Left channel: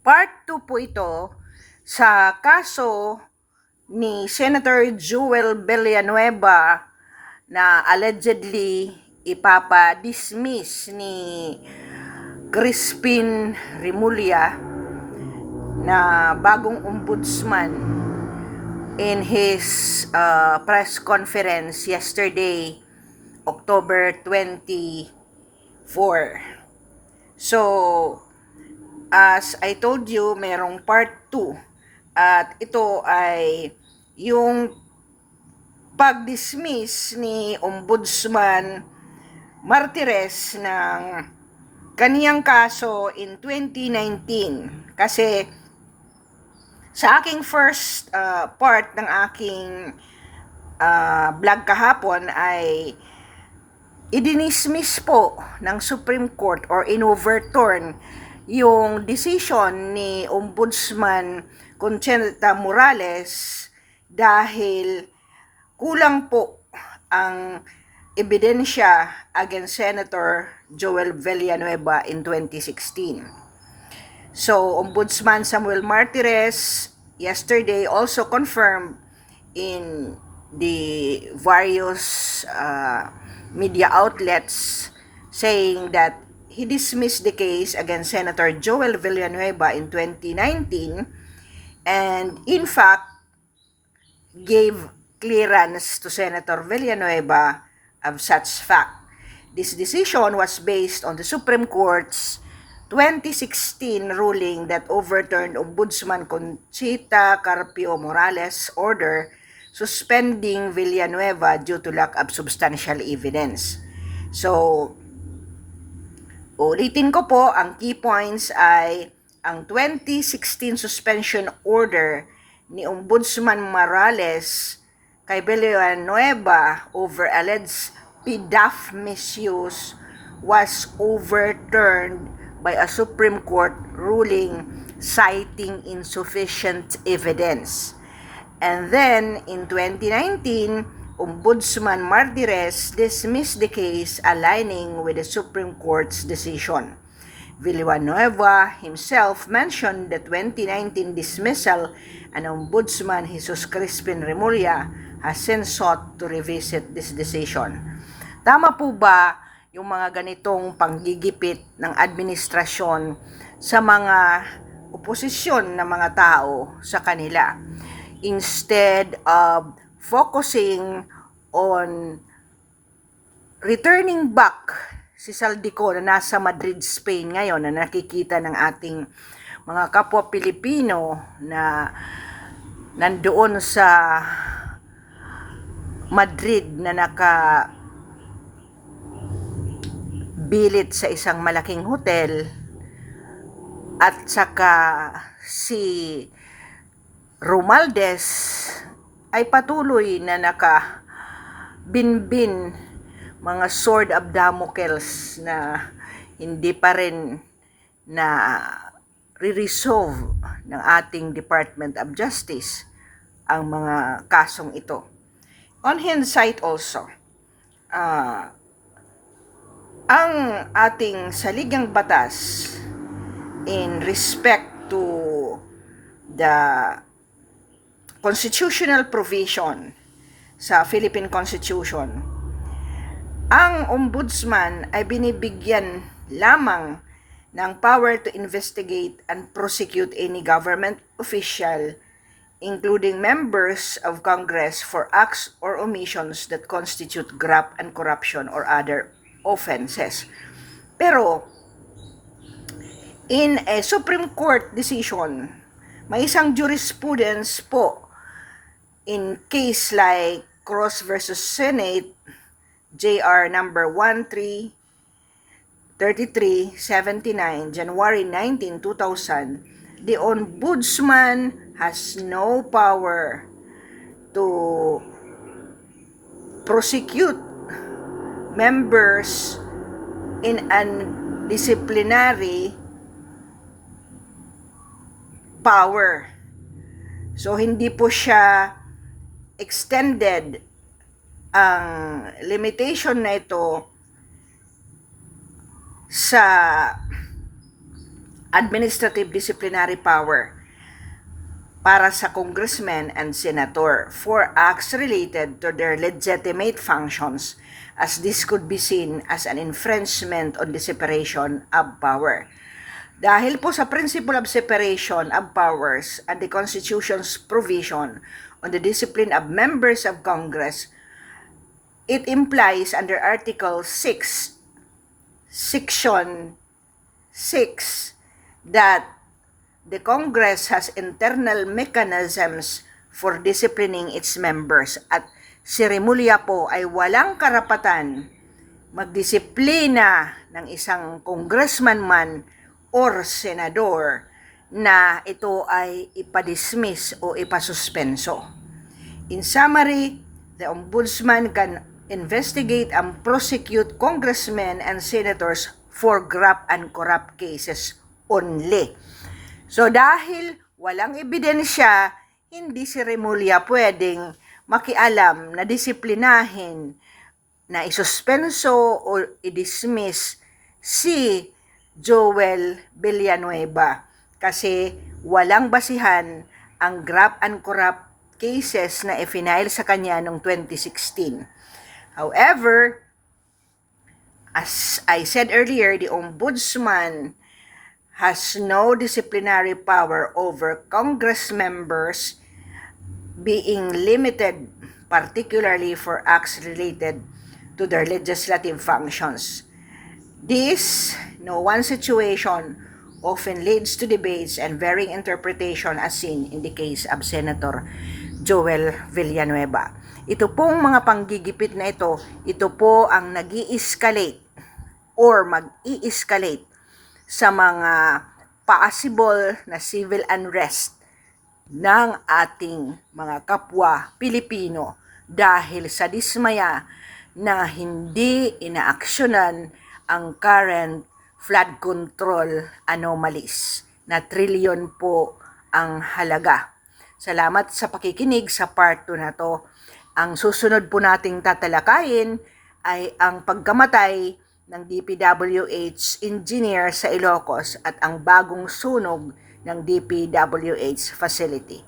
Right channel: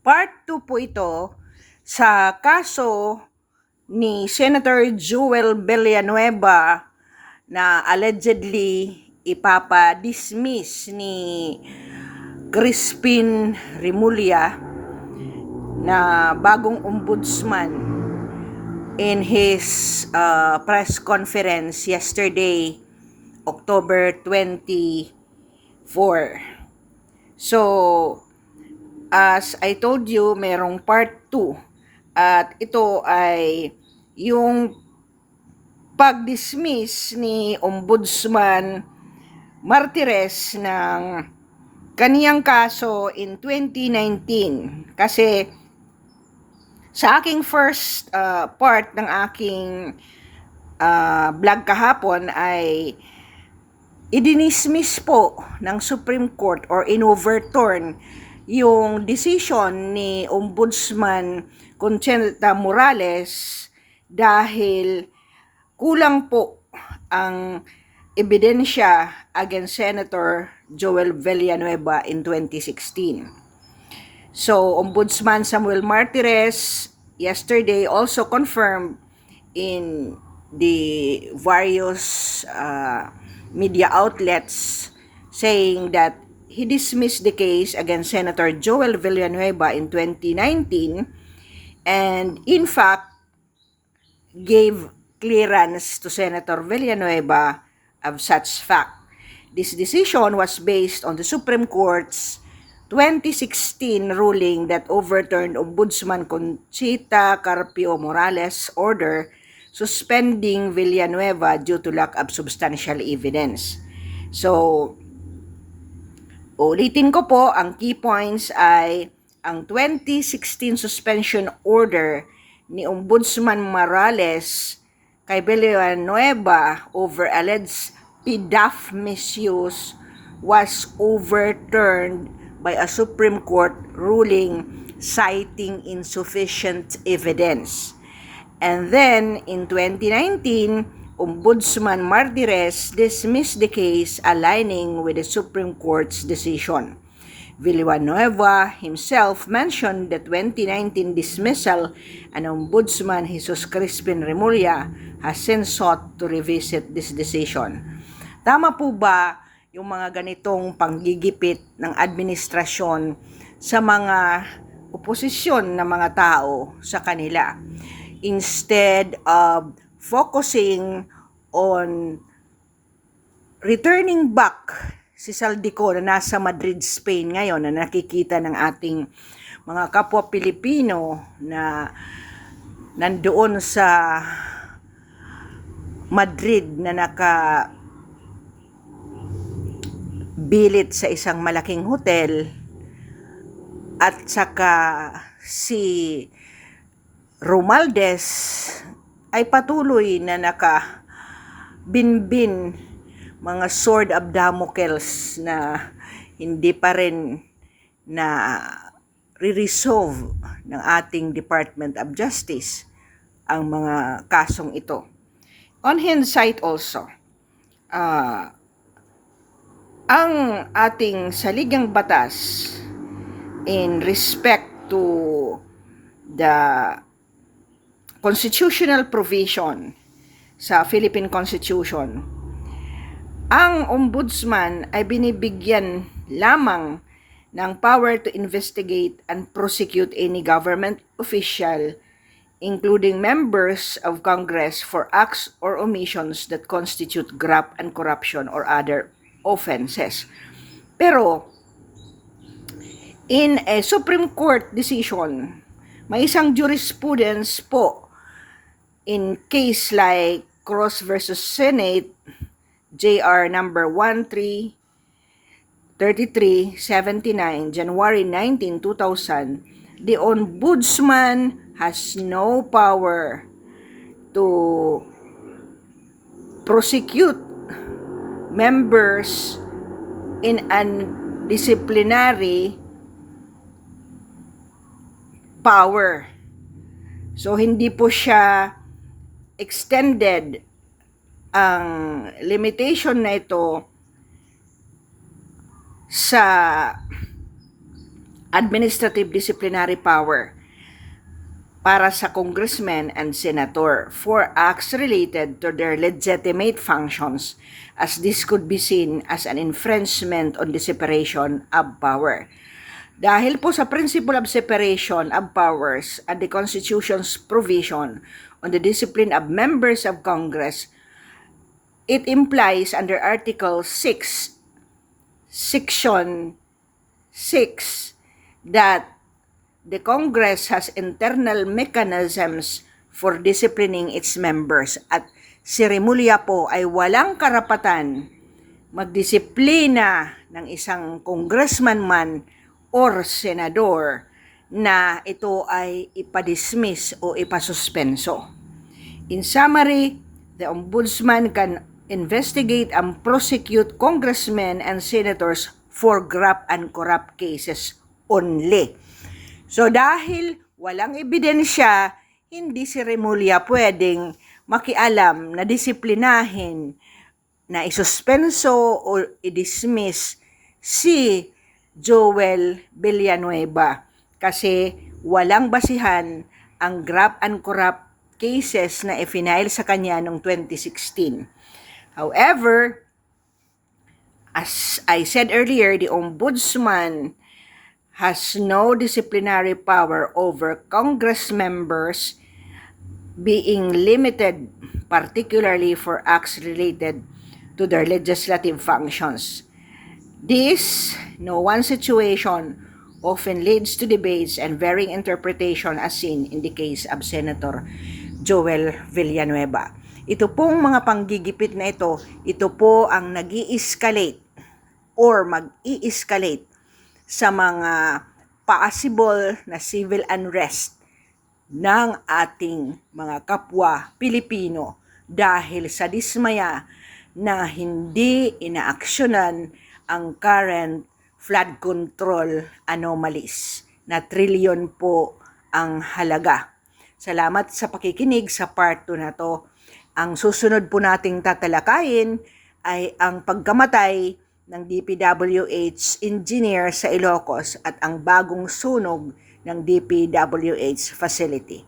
Part 2 po ito sa kaso ni Senator Joel Villanueva na allegedly ipapa-dismiss ni Crispin Remulla na bagong ombudsman in his press conference yesterday, October 24. So, as I told you, merong part 2 at ito ay yung pag-dismiss ni Ombudsman Martires ng kaniyang kaso in 2019. Kasi sa aking first part ng aking vlog kahapon ay idinismiss po ng Supreme Court or inoverturn yung decision ni Ombudsman Conchita Morales dahil kulang po ang ebidensya against Senator Joel Villanueva in 2016. So, Ombudsman Samuel Martires yesterday also confirmed in the various media outlets saying that he dismissed the case against Senator Joel Villanueva in 2019 and in fact gave clearance to Senator Villanueva of such fact. This decision was based on the Supreme Court's 2016 ruling that overturned Ombudsman Conchita Carpio Morales' order suspending Villanueva due to lack of substantial evidence. So, ulitin ko po, ang key points ay ang 2016 suspension order ni Ombudsman Morales kay Villanueva over alleged PDAF misuse was overturned by a Supreme Court ruling citing insufficient evidence. And then, in 2019, Ombudsman Martires dismissed the case aligning with the Supreme Court's decision. Villanueva himself mentioned the 2019 dismissal and Ombudsman Jesus Crispin Remulla has since sought to revisit this decision. Tama po ba yung mga ganitong panggigipit ng administrasyon sa mga oposisyon na mga tao sa kanila? Instead of focusing on returning back si Saldico na nasa Madrid, Spain ngayon, na nakikita ng ating mga kapwa Pilipino na nandoon sa Madrid na nakabilit sa isang malaking hotel, at saka si Romualdez ay patuloy na nakabinbin mga sword of Damocles na hindi pa rin na re-resolve ng ating Department of Justice ang mga kasong ito. On hindsight also, ang ating saligang batas in respect to the constitutional provision sa Philippine Constitution, ang ombudsman ay binibigyan lamang ng power to investigate and prosecute any government official, including members of Congress, for acts or omissions that constitute graft and corruption or other offenses. Pero, in a Supreme Court decision, may isang jurisprudence po in case like Cross versus Senate, JR number 133379, January 19, 2000, the Ombudsman has no power to prosecute members in an disciplinary power. So, hindi po siya extended ang limitation na ito sa administrative disciplinary power para sa congressmen and senator for acts related to their legitimate functions, as this could be seen as an infringement on the separation of power. Dahil po sa principle of separation of powers and the Constitution's provision on the discipline of members of Congress, it implies under Article 6, Section 6, that the Congress has internal mechanisms for disciplining its members at si Remulla po ay walang karapatan magdisiplina ng isang congressman man or senador na ito ay ipadismiss o ipasuspenso. In summary, the Ombudsman can investigate and prosecute congressmen and senators for graft and corrupt cases only. So dahil walang ebidensya, hindi si Remulla pwedeng makialam na disiplinahin, na isuspenso o i-dismiss si Joel Villanueva kasi walang basihan ang graft and corrupt cases na i-file sa kanya noong 2016. However, as I said earlier, the Ombudsman has no disciplinary power over Congress members, being limited particularly for acts related to their legislative functions. This one situation often leads to debates and varying interpretation as seen in the case of Senator Joel Villanueva. Ito pong mga panggigipit na ito po ang nag-i-escalate or mag-i-escalate sa mga possible na civil unrest ng ating mga kapwa Pilipino dahil sa dismaya na hindi inaaksyonan ang current flood control anomalies na trilyon po ang halaga. Salamat sa pakikinig sa part 2 na to. Ang susunod po nating tatalakayin ay ang pagkamatay ng DPWH engineer sa Ilocos at ang bagong sunog ng DPWH facility.